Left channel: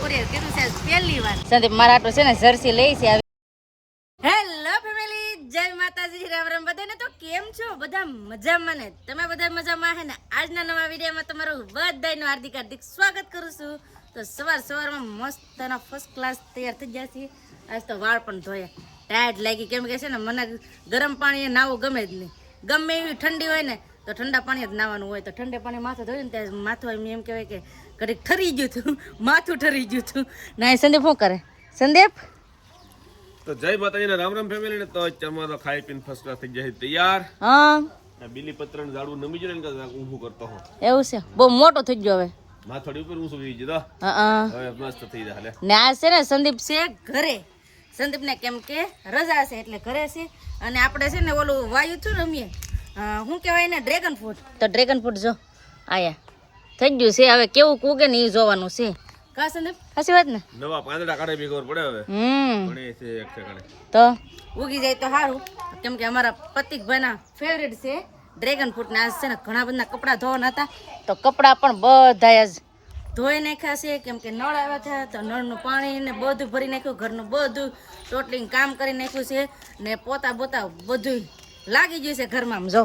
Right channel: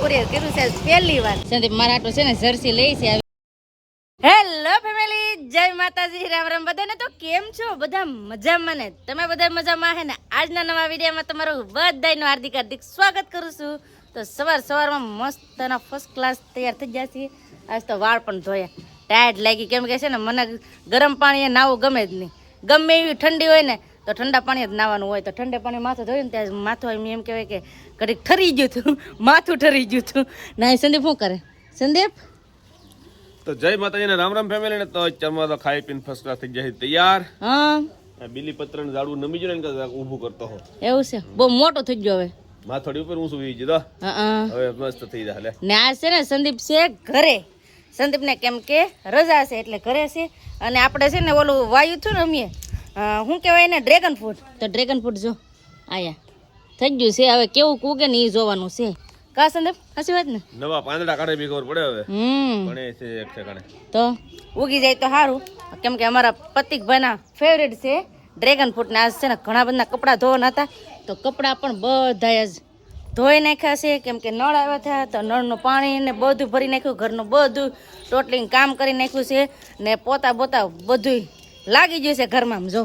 છોકરીએ કીધું છે પહેલી વાર. સંદીપ મારા આટલું છે ને જર્સી લઈ છે હેલો ફેમિલી જય માતાજી રામ રામ. બધાને તો કેમ છો? બધા મજામાં ને? તમે બધા મજામાં હે ને? આજના નવા વિડીયોમાં તમારું બધાનું હાર્દિક હાર્દિક સ્વાગત કરું છું. તો સવાર સવારમાં મસ્તના ફર્સ્ટ ક્લાસ તૈયાર થઈ ગયા છીએ. આજ તો વાળ પણ ધોયા. ટાયર્ડ લાગી. કેમ કે છે ને મને ગરમ પાણીએ નાવું ગમે જ નહીં. ગમે એવી ઠંડી હોય ને તો ઠંડા પાણી જ નાવાનું હોય. તો ઠંડે પાણી માથું ધોયું ને ત્યારે માથું એમ એમ કહેવાય કે ઘડીક ઠરી ગયું હતું માથું ઠરી ગયું હતું ના સંદીપ શું કરે? સંદીપ? તો જય માતાજીને રામ રામ ફેમિલી ને તો અત્યારમાં તો ખાઈ પીને ફર્સ્ટ ક્લાસ થઈ જાય તૈયાર? હા. બીલી પત્ર ને ઝાડવું નમી જાય ને કે ઊભું કરતો હો એવું છે? બહુ મોટો થઈ ગયો હવે. માથોડી ઉપર ઊંચું વી હા હવે મસ્ત થઈ જાય લે. ને આ છે ને સંદીપ છે ઘરે. સંદીપને કેમ કે રજા છે એટલે ઘરે છે. અને આપણે છે ને ઓલું વાયુ છું ને અમીએ શું કહેવાય ને ડ્રેગન ફ્રૂટ તો ડ્રેગન ફ્રૂટ જો. આયા. થઈ ગયું છે. હવે કેવું કૂકે ને એ જોવાનું છે. કા સંદીપ? સાચી વાત ને? નવા પાંદડા કાઢે બી ખબર પડે હવે. હમ. પણ એ છે એક ઠેકાણે તો? ઉગી જાય તો સારું કેમ કે અમારા પતિકભાઈના ફેવરેટ છે ડ્રેગન ફ્રૂટ ને આજ છે ને ઘણા બધા કપડાં ધોવાના હતા. તો કપડાં પણ બધા જ. ધોઈ નાખ્યા છે કેમ કે નળ આવ્યા હતા. તો નળનું પાણી ને બધું ભરી નાખ્યું ઘરનું બધું ટોટલિંગ કામ કરી નાખ્યું છે ને પોતા બોતા બધું લાગી ગયું છે ઘરમાં. આમ જો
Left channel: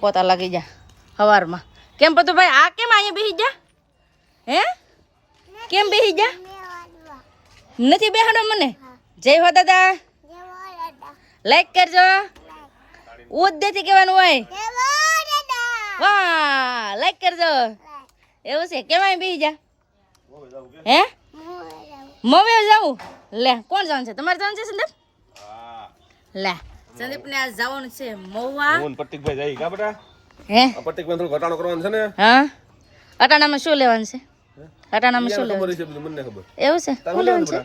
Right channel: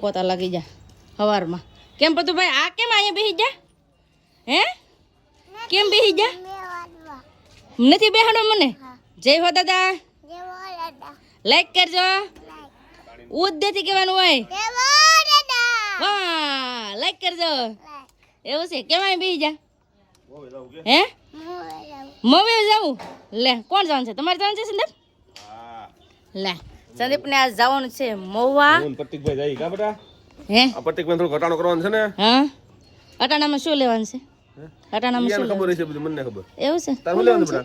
પોતા લાગી જા સવારમાં કેમ બધું ભાઈ આ કેમ અહીંયા બેસી જા હે? કેમ બેસી જા નથી બેહાડો મને? જય હો દાદા. લાઈક કરજો. ઉદ્દેથી કહેવાનું હોય. વાહ લાઈક કરજો. એવું છે? કેવાય બેસી જા હે? મવે જાવું લે કોણ જવાનું છે? તમારે જવાનું છે સંદીપ? લે સંદીપ ને આ જવાનું છે મહુવા. મોહન જાય કા બેટા? હે? આ પટ્ટિકભાઈ થોડું ઘટાડો કરવાનું છે ને? હા? અટાણામાં શું લેવાનું છે? અટાણામાં શું લેવાનું છે બધું મને ખબર. એવું છે? શું લેવાનું છે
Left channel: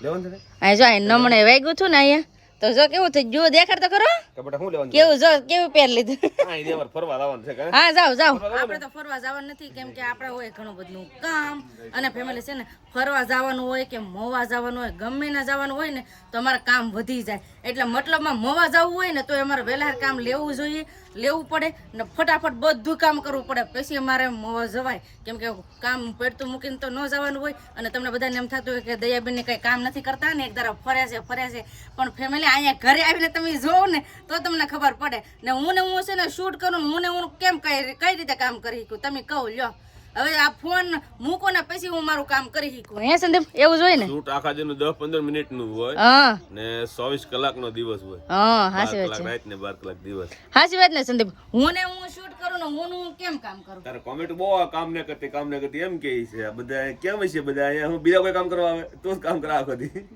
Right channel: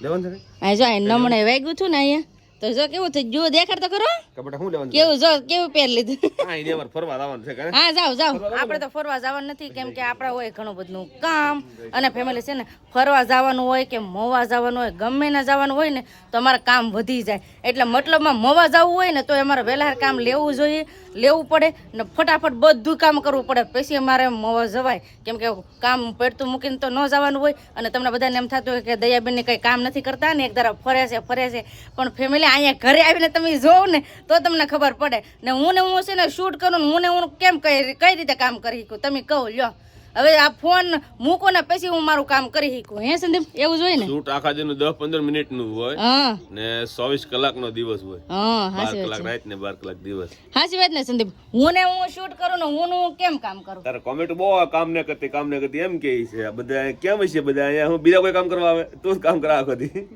લેવાનું છે આ જો આ નમણે વાગ્યું છું ને અહીંયા તો જો કેવું થયું? જો દેખાડ તો કરો કે બેટા શું લેવાનું છે? કેવું જો કેવું પહેર લીધું? આ ઈ દેવર ફરવા છે હા? જાઓ જાવ આપણે તો ફરવા જવાનું નથી કેમ કે આપણે હોય ઘણું બધું કામ અને ફેમિલી છે ને ફરવા જવાનું હોય કે મોવા જવાનું હોય ગમે ના જવાનું હોય ને તો અમારે કામ વધી જાય. એટલે મતલબમાં મોવા જવું હોય ને તો અમારે વહેલા કામ લેવું જોઈએ લેવું પડે ને ફટાફટ બધું કામ કરવું પડે. પછી અમારે મોવા જવાય. કેમ કે કામ પડતું મૂકીને તો ન જવાનું હોય. અને તમને બધાને એમ થતું હોય કે દયાબેન કંઈ કામ નથી કરતા ને એક ધારા ફરે છે ફરે છે. પણ ફેમિલી અહીંયા ઘરે આવીને તમે જોવો ને તો તમને ખબર પડે. ને હું ને હું છે ને શૂટ કરું ને હું ને હું કેમ કઈ કઈ રીતે કામ કરી શકું? તમે કહો, લ્યો. હવે આ ફોન મૂકો ને પછી હું મારું કામ કરી શકું. હે સંદીપ? એવું જોઈએ ને? શૂટ આખા દિન દસ પંદર મિનિટનું હોય હા. ને ચોવીસ કલાક નો દિવસ હોય. હા હાચી વાત કલાક રાત ને બાર કલાક દિવસ. હાચી વાત ને સંદીપ? હું ને હું શૂટ કરું ને હું ને હું કેમ કામ કરું? તારે કોમેન્ટ બહુ કામ ને કરતી કામ ને કરતી એમ કે છે. આ બધા કેમ છે બધા? અહીંયા હું બીજા કોઈ કામ કરવા આવે? તો જ કામ કરા આખો દી.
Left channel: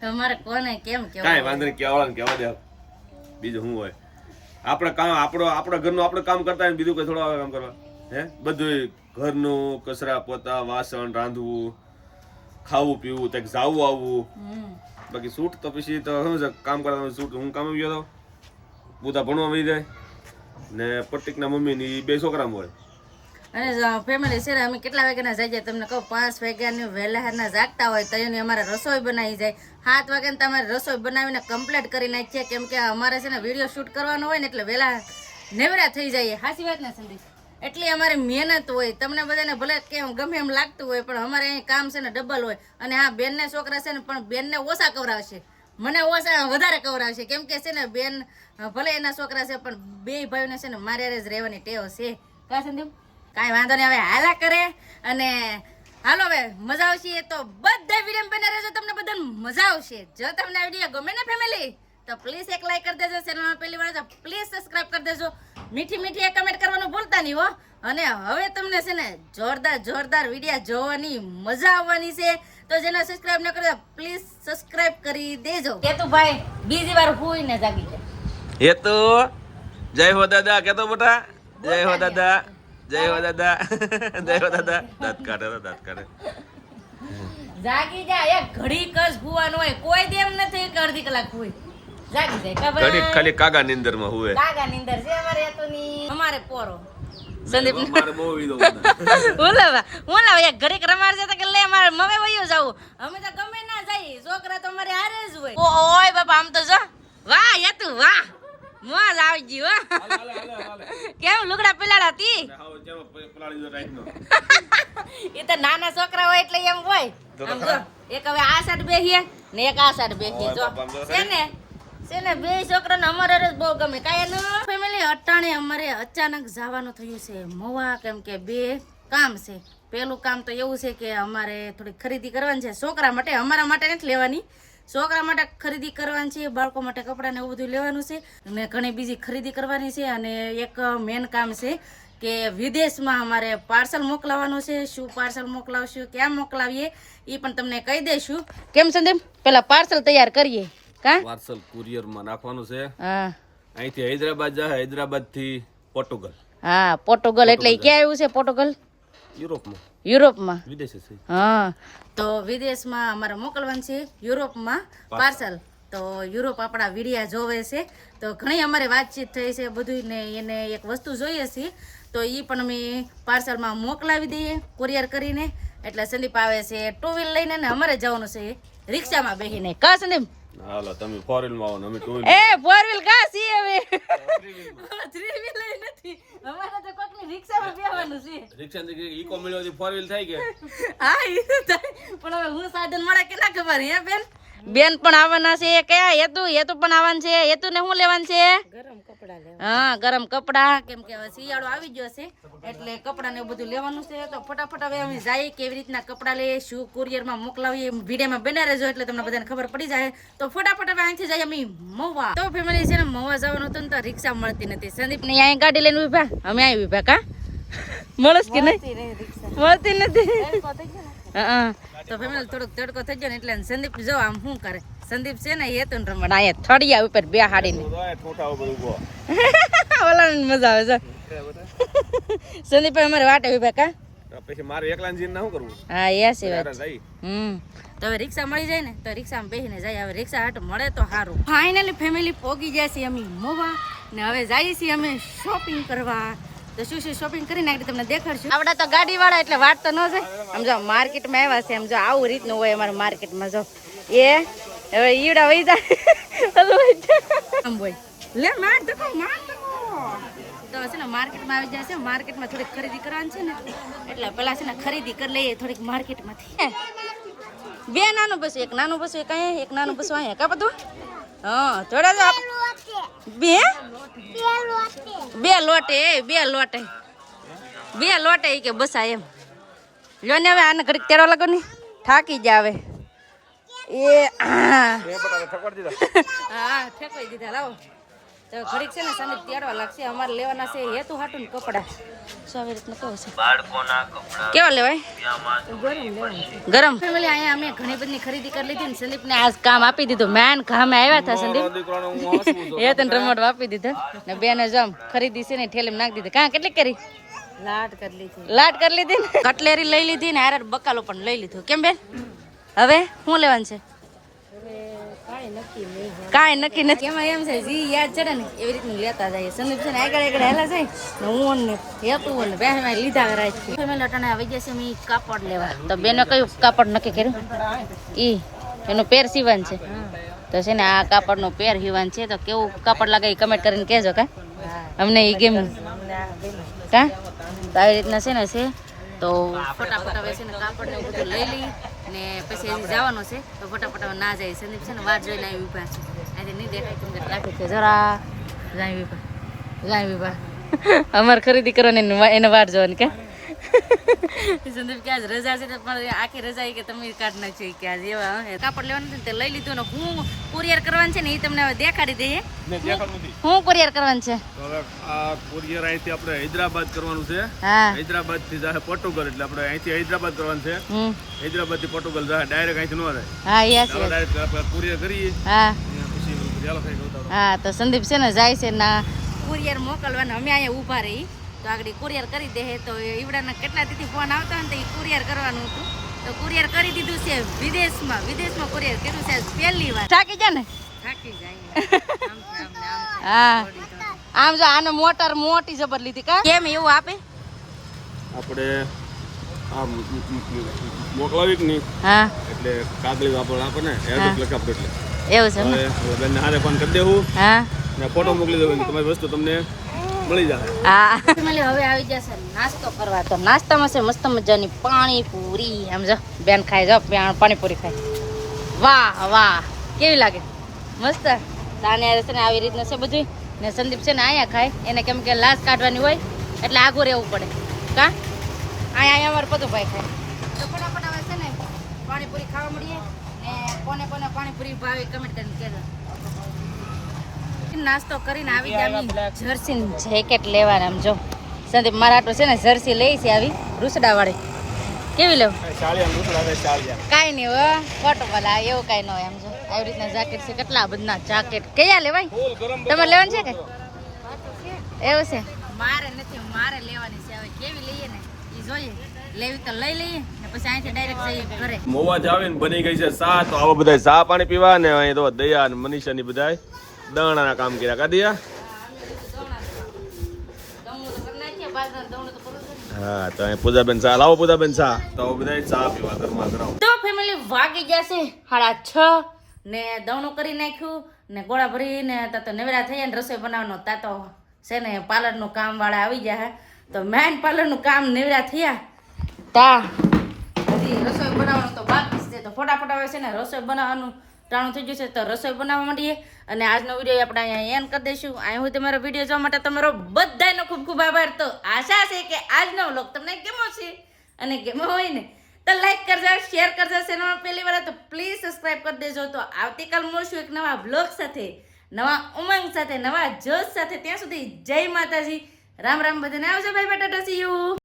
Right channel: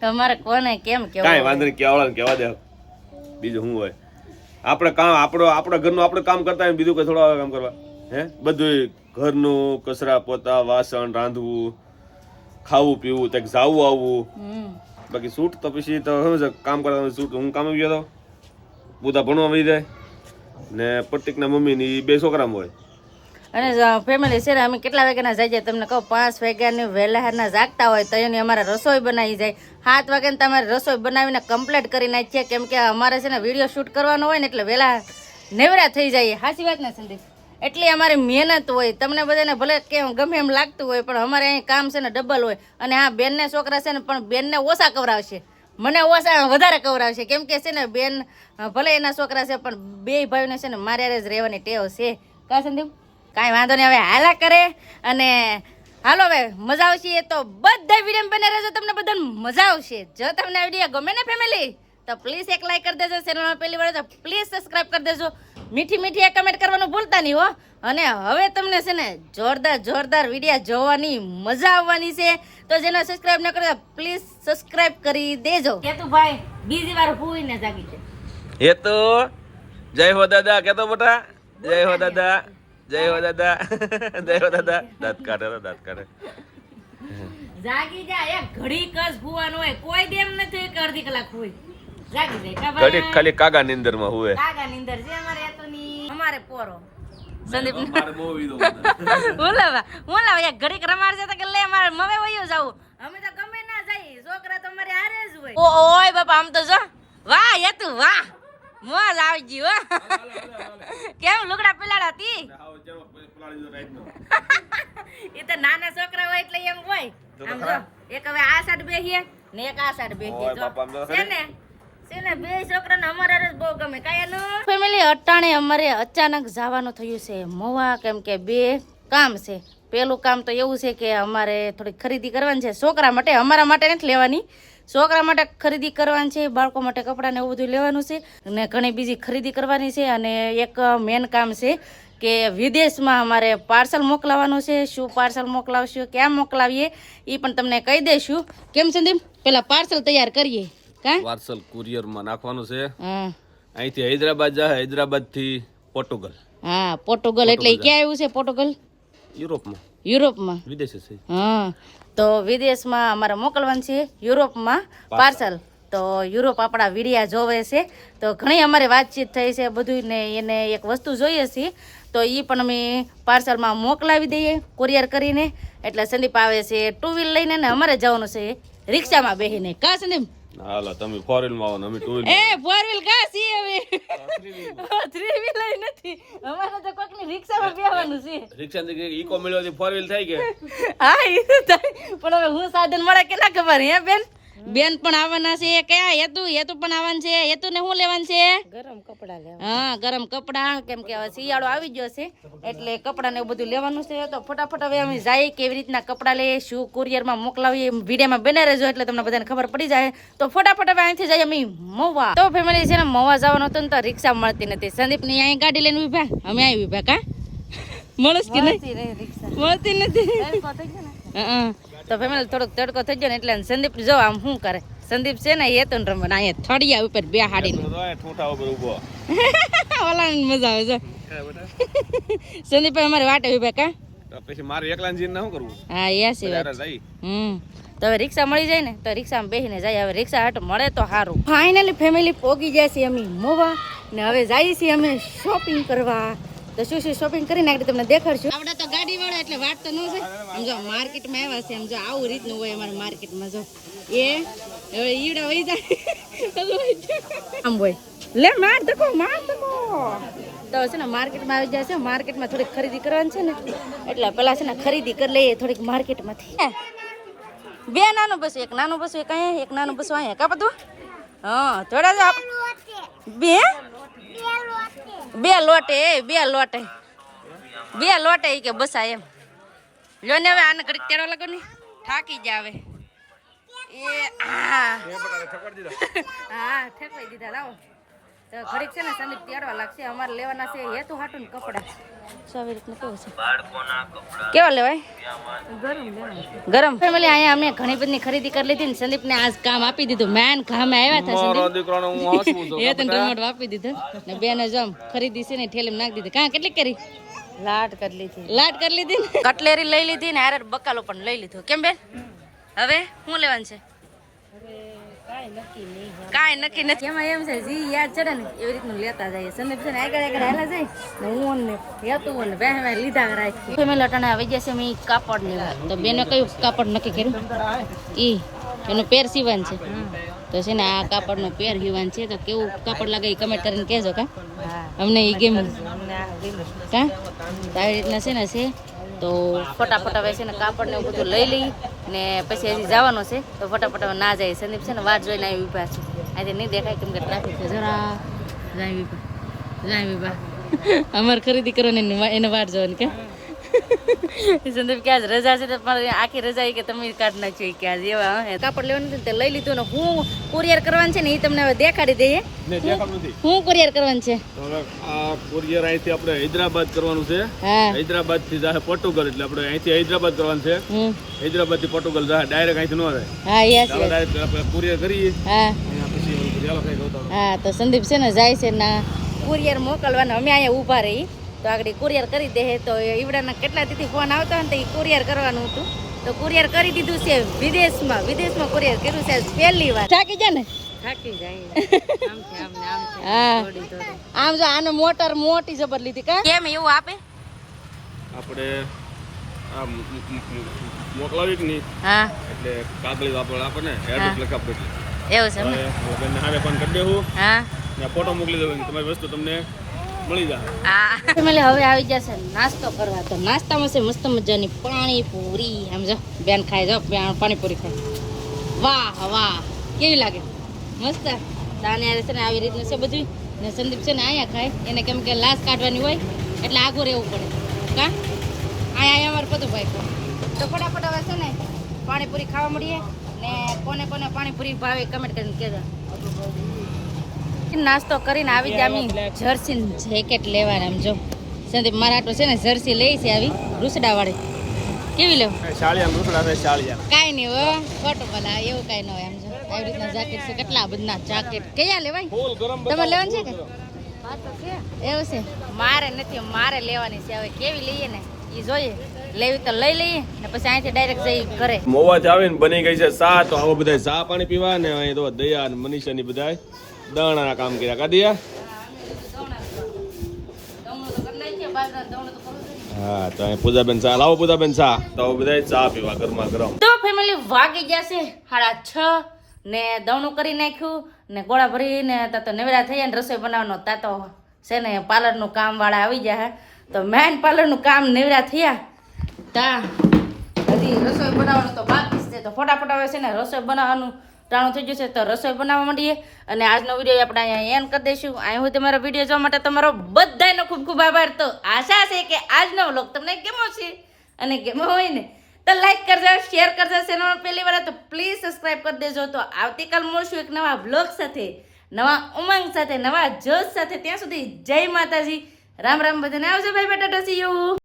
તમારે કોને કેમ કેવું કાઈ વાંધો નહીં કેવાળા ને કેવા દે. બીજું શું હોય? આપણે કામ આપણો આપણા ઘરનું આપણે કામ કરતા હોય બીજું કોઈ થોડો કામ કરવા? હે? બધું ઘરનું કચરા પોતા વાસણ રાંધવું ખાવું પીવું તક જાવું આવવું. બાકી સૂટ તો પછી તો શું છે કામ કરવાનું સૂટ હું કામ ગયો તો? ભણવા મળી જાય. ને પ્રતિકના મમ્મીની બે છોકરામાં હોય. અને ફેમિલી છે ને અમે કેટલા વાગ્યાના જાય તમને કહું પાંચ વાગ્યાની વહેલાના જાગતા હોય તો એની અમારે રસોઈ બનાવી જાય. સાત વાગ્યાને તમારે રસોઈ બનાવીને કમ્પ્લીટ કરી નાખીએ. કેમ કે અમારે છે ને વીડિયો શૂટ કરવાનો હોય ને એટલે વહેલા નેવરા થઈ જાય સાચી વાત ને સંદીપ એટલી અમારી મહેનત હોય, તમને બધાને ભલે કેમ ગમે એમ લાગતું હોય, પણ અમારે અહીં કામ છે ને ડબલ હોય. અને હા બેનને છોકરા છે ને, પણ બેનને ઓછા કવરાવશે. મને ઓછા વધારે કવરાવશે. કેમ કે છે ને, બેન ભલે એના છોકરા છે, પણ બે ભાઈઓને છે ને, મારે જ રહેવાની ટેવ છે. કા સંદીપ કાંઈ વાંધો નહીં, હવે હાલા કરે. અને હાલો હવે, મજા આવશે એ તો. બધા વીડિયો બને રહેજો, તમને બધાને મજા આવશે. જો તમને આ વીડિયો ગમે ને, ફેમિલી, તો પ્લીઝ એક લાઈક કરી દેજો ચેનલમાં પહેલી વાર તો પ્લીઝ સબસ્ક્રાઇબ કરી દેજો. મીઠી મીઠી કમેન્ટ કરવાનું ભૂલતા નહીં હો. અને હવે તમને છે ને જોરદાર જોરદાર વિડીયા જોવાની મજા આવવાની છે. તો જેને સબસ્ક્રાઇબ ન કરતા પ્લીઝ સબસ્ક્રાઇબ કરી દેજો. કે તું ભાઈ બીજી વાર હુઈને જાગી જાય એ તો જય હો દાદા કેતો બેટા જય હો દાદા જય હો દાદા જય હો દાદા. દાંત કાઢે દાંત કાઢે. જાગી જા એક ઘડી કસ ભૂવાનું હોય. કોઈ દેમ નથી કે અડધી કલાક હોય જાગી જાય. ખબર ખાલી કાગા નીંદરમાં હુએ કાગા નીંદર છે અમારે તો ની. અમારે પોરો. સંદીપ મારે બહુ વીધો ઓલા ઓલા એક ઘડીક રમાડ છે કે લે મારે મવે વયું જાવું. અમે તો ગમે ના જઈએ. છોકરા તો અમારે હારે જ હોય. ઓ ઓય બાપા આમ તો જો. વાહ યતુ વાહ. મોજ આવી ગઈ હો. કેમ લુગડા પીલાડા તી? એ તો નાના છોકરા હોય એટલે એમ હોય. આમ જો એક હવે આ સાઈડ બેસીએ ને એક આ સાઈડ બેસીએ જો. છે ને? છે ને બે છોકરાને અમારે જ બહુ ગમે. કાંઈ ફેમિલી અટાણે અમારે અચાનક જવાનું થયું છે. મોવા કેમ કે બે કામ છે. પહેલું કામ તો એવું છે કે અમારે થોડી ખરીદી કરવાની છે. છોકરા માટે, અમારા માટે નથી લેવાની. છોકરા માટે ખરીદી કરવાની છે, બાળકો માટે કપડાને એવું બધું લેવાનું છે. અને ઘણી બીજી ખરીદી કરવાની છે. અને એક મેન કામ છે કે વિદેશમાં અમારે પાર્સલ મોકલાવવાનું છે. શું પાર્સલ મોકલાવશું, ક્યાં મોકલાવીએ એ પણ તમને કહી દઈશું. કેમ સંદીપ? પેલા પાર્સલ તૈયાર કરીએ. કા પાર્સલ કુરિયરમાં નાખવાનું છે. હા. અહીંથી હૈદરાબાદ જાય હૈદરાબાદથી પોર્ટુગલ. હા પોર્ટુગલ એટલે ક્યાં આવ્યું છે પોર્ટુગલ? યુરોપમાં. યુરોપમાં? વિદેશ છે. હા. તો વિદેશમાં અમારે મોકલવાનું છે યુરોપમાં પાર્સલ. તો યુરોપ આપણા વિડિયા જોવે છે. તો ઘણી અમારે વાતચીત થઈ છે બધું ને એને એક વસ્તુ જોઈએ છે. તો એ પણ અમે પાર્સલમાં મોકલાવી દઈએ કુરિયર કરીને. એટલે સંદીપ આવે છે ટુ વ્હીલ લઈને ને અમારે જવાનું છે રિક્ષામાં બેસીને કા સંદીપ? હાલો તમે ફોર વ્હીલમાં આવો ને અમે ટુ એ ફોર વ્હીલ કા સી હવે થ્રી વ્હીલ નથી. અમારે તો કોકની રિક્ષામાં બેસવાનું છે. રિક્ષા ઈકો મળ્યો ફોર વ્હીલ થાય કે? હા તો થાય. પણ હવે હું સાધન મળે કે ના ખબર હે બેન? બેન પણ આવવાના છે. કયા હેતુ? હેતુ પણ આવવાનું છે. હેતુ ને શું લેવાનું છે? ગરમ કપડા લેવા. હા ગરમ કપડા. કેમ કે હવે શિયાળો આવી ગયો છે. એટલે કપડા ને એવું બધું લેવાનું છે. તો ફટાફટ હવે અમે જાય કેવી રીતના કપડા લઈએ શું કુરિયરમાં મોકલાવીએ વિડીયોમાં બને રહેજો એટલે તમને બધાને ખબર પડી જાય. તો ફટાફટ હવે અહીંથી જઈએ અમે મવા તો ફેમિલી છે ને મહુવા જવાનું હતું ને તો રિક્ષા મળતી નથી સંદીપ ને અહીંયા ગાડી લઈને ઊભા અમે અહીં ઊભા કા? મળશ કે નહીં? મળતી નથી હા. તો ફેમિલી થોડોક તડકો થઈ ગયો ને એટલે સંદીપ જો આમ શું કરે? સંદીપ છે ને એ તો રમણ અહીંયા થડિયા ઉપર બે હાડીને ઓલા મજા આવે છે સંદીપ અમારે વાટે ઊભા કા? પછી મારે એકલા જઈને શું કરવું હા સી વાત. હમ. તો હવે રિક્ષા મળી જાય ને તો રિક્ષામાં બેસીને જાય. હવે રિક્ષા હાટ મળે તો સારું ફાઇનલી ફેમિલી પોગી જાય છે અમે મોવા ને હવે જઈએ છીએ અમે શોપિંગ કરવા. તો શું શું શોપિંગ કરીને આગળ તમને દેખાડશું. આપણે તો ગાડી વાળા એટલે વાત તો ન જાય સમજો માર્કેટમાં આવ્યા છે સમજો આવું રીતનું હોય અમારે માર્કેટમાં જો. એ, હવે ઈડા વહી જાય. આમ હોય. લે, માર ધકો માર ધકો તો છે ને માર્કેટમાં આવી જાય છે, માર્કેટમાં થોડીક ખરીદી કરવાની છે ને, એટલે પેલા છે ને ખરીદી કરી લઈએ થોડીક માર્કેટમાંથી. બે નાનું બસ, એક નાનું બસ, એક અહીંયા, એક નાનું બસ અહીંયા. કા બધું? હા, થોડા બે? બે લોટે એ બે લોટે. બે લોટે કે બસા એમ. લો ને હવે આને ઘડીક તેડવા લાગો ને. થાકી આવે એ હા ઠેકવાઈ દીધા લાવો. તો ઘડીક છે ને સંદીપ તેડવા લાગશે. અમારે લેવાના છે હેતુ હાટું ને કપડા. સો આવી રીતના કેવું છે? કેવા લેવાય? ગરમ ફેમિલી અહીંયા અમે ઘણી બધી ખરીદી કરી લીધી ને સંદીપને આજ કામ આપી દીધું. મેન કામે આવ્યા હતા સંદીપ. એ તને રમત આપી દીધા. ને બેને જમ ખરીદી છે ને ઠેલીમાં નાખી દીધી. કાં કેટલી કરી? લાટ કરી લીધી. લાટ કરી લીધી ને? કટલેરી લઈ લીધી ને હારે બકાલો પણ લઈ લીધું. કેમ બેન? હવે શું લેવાનું છે? કાંઈ નક્કી નથી. એમાં એમ છે જી યાદ ચડે ને એવી રીતનું લેતા જાય સંદીપ છે ને આગળ આગળ હેલા જાય ને હું ને હેતું ને બે મેં લીધા કરાય છે. ફેમિલી અટાણે આવી જશે મેં ઈ કાપડ લેવા. તો બેને કયું કાપડ નક્કી કર્યું? ઈ એનું પેર સીવવાનું છે. તો છે ને આ કાપડનો પેર સીવવાનું છે તો કેવું કાપડ લાગે એ કમેન્ટ કરીને કહેજો કા? અમને એ ગેમ અમને આ ગમ્યું. કા? તો આવી રીતના છે ને છે તો ફટાફટ હવે છે ને કાપડ ને એવું બધું લઈ લઈ. ને પછી હજી જવાનું છે તો ફટાફટ ના જાય. સંદીપ છે ને વાત જોઈને આવી ઊભા છે. આજે નહીં દેખાય કેમ કે ટ્રાફિક છે જરા. જાય વિભા જાય વિભા અમારે ખરીદી કરવાની એને વાટ જોવાની કે? સંદીપ કે આજ રજા છે પણ આખી રજા કે તમે કાઢ નાખજો કે આજ એવા કાપડ લેવાનું હતું તે લઈ લીધું ને હું કુરિયર કરવાનું છે ને એ તમને હવે દેખાડી દઈએ. ને દેખાડું નથી. હું કુરિયર કરવાનું છે. તો હવે આ કુરિયર અહીંથી આપણે હૈદરાબાદ કરવાનું છે. હૈદરાબાદથી જાહે પોર્ટુગલ એટલે આપણે અહીંથી હૈદરાબાદ કરવાનું છે. હૈદરાબાદથી પોર્ટુગલ જાહે ડાયરેક્ટ અહીંથી ન રહે. હા યસ ડાયરેક્ટ આપણે કુરિયર કરીએ. હા. પછી તો સંદીપ છે ને જાય છે ના કુરિયર મોકલવાના. અમે અહીંયા ઊભા રહી તો આગળ કુરિયર કરી દે તો ઈવડાના કેટલા તીથી ફોન આવતા હોય ને તો એ કુરિયર કરવાનું હતું. તો કુરિયર કરી દીધું છે વિદેશમાં. વિદેશમાં કુરિયર કર્યું છે પહેલી વાર. થાકી જાય ને? થાકી જાય. આમ. આમ જો આને મોટર મોટી જબર લીધી કા? કેમ એવું આપે? આપણે આ મ- મ- મ- મોકલાવી કે નહીં? હા. એટલે કાગળી વાપર આપે ને એડ્રેસ લખે એટલે. એવું છે ને? ઓલા હારે ફોન કરી દેવું. હા. ને ફોટો મોકલી દો તમારી વસ્તુ તમને મળી જાય. આ ફેમિલી હવે આવી જશે. નાસ્તો કરવા. તો નાસ્તામાં છે મસ્ત મજાની પાણીપુરી. એમ જો બેન ખાય જો પાણી પાણીપુરી ખાય. વાહ વાહ. કેવી લાગે? મસ્ત. તાને છે ને આવી રીતના છે બધું. ને સંદીપ છે ને અહીંયા ખાય. એને કેમ કે લાશ કાઢવાની હોય એટલે આગું રહેવું પડે. કા? અહીંયા અહીંયા અમારે પતુભાઈ ખાય. તો ફટાફટ હવે છે ને પાણીપુરી ખાવા મળીએ. ને કોને કોને પાણીપુરી ભાવે કમેન્ટ કરીને કહેજો. નાસ્તો કરીને આવી જામી જર્સી જેકેટ લેવાના આમ જો. સંદીપ મારા આટલું છે ને જર્સી લઈ છે આવી રૂસડા વાળી કેવી ને કાંઈ નહીં હો ખોટું બોલા એવું કાંઈ ન હોય આમ જો. આવી રીતના જાકેટ છે કેટલા બધા જાકેટ. કયા લેવાય? તમારે લેવાનું છે કે? એવું છે? મારે નથી મારે લેવાની છે. હવે કેવી લઈએ ને? એ જોઈએ. લેવી તો લઈ લઈએ ને પછી અહીંથી ડાયરેક્ટ જઈ ઘરે. મોવાથી આવીને બની ગઈ છે સા તો આવા બધા ચા પાણી પીવા ને અહીં તો દયા ને મનીષા ની બધા દણાના કામ કર્યા. કા દયા હા તો અહીં પૂજાબેન ચા લાવો પૂજાબેન ચા તો બધા ચા પીવા ગરમા ગરમ. તો ફેમિલી વાગી જશે સાડા છ ને દવણું કરી નાખ્યું ને ગોળા ભરીને તા તો નવેરા થઈ ને રસોઈ બનાવવાનો. તાતો છે ને પાર્લરનું કામ વાળા આવી ગયા તો મેન પાર્લરનું કામ નવરા થયા. તા હજી રસોઈ બનાવવાનું તો બાકી છે. તો ફટાફટ આવે છે ને રસોઈ બનાવવાનું ટાણું થઈ છે, તો રસોઈ બનાવવા માંડીએ. અને આજનો વીડિયો આપણે અહીંયા એન કરી દઈશું. અહીં હું તમારો વીડિયો જોવા માટે તમારો બધાનો ખૂબ ખૂબ આભાર. તો આશા છે કે આજનો વ્લોગ તમને કેમો છે અને કેમો હોય ને, તો લાઈક કરજો શેર કરજો ચેનલમાં પહેલી વાર તો પ્લીઝ સબસ્ક્રાઇબ કરી દેજો. તો આવતીકાલ મળશું એક નવા બ્લોગ સાથે, નવા ઉમંગ સાથે, નવા જોશ સાથે. ત્યાં સુધી જય માતાજી. રામ રામ બધાને આવજો. ભાઈ બેટા ટસી યુ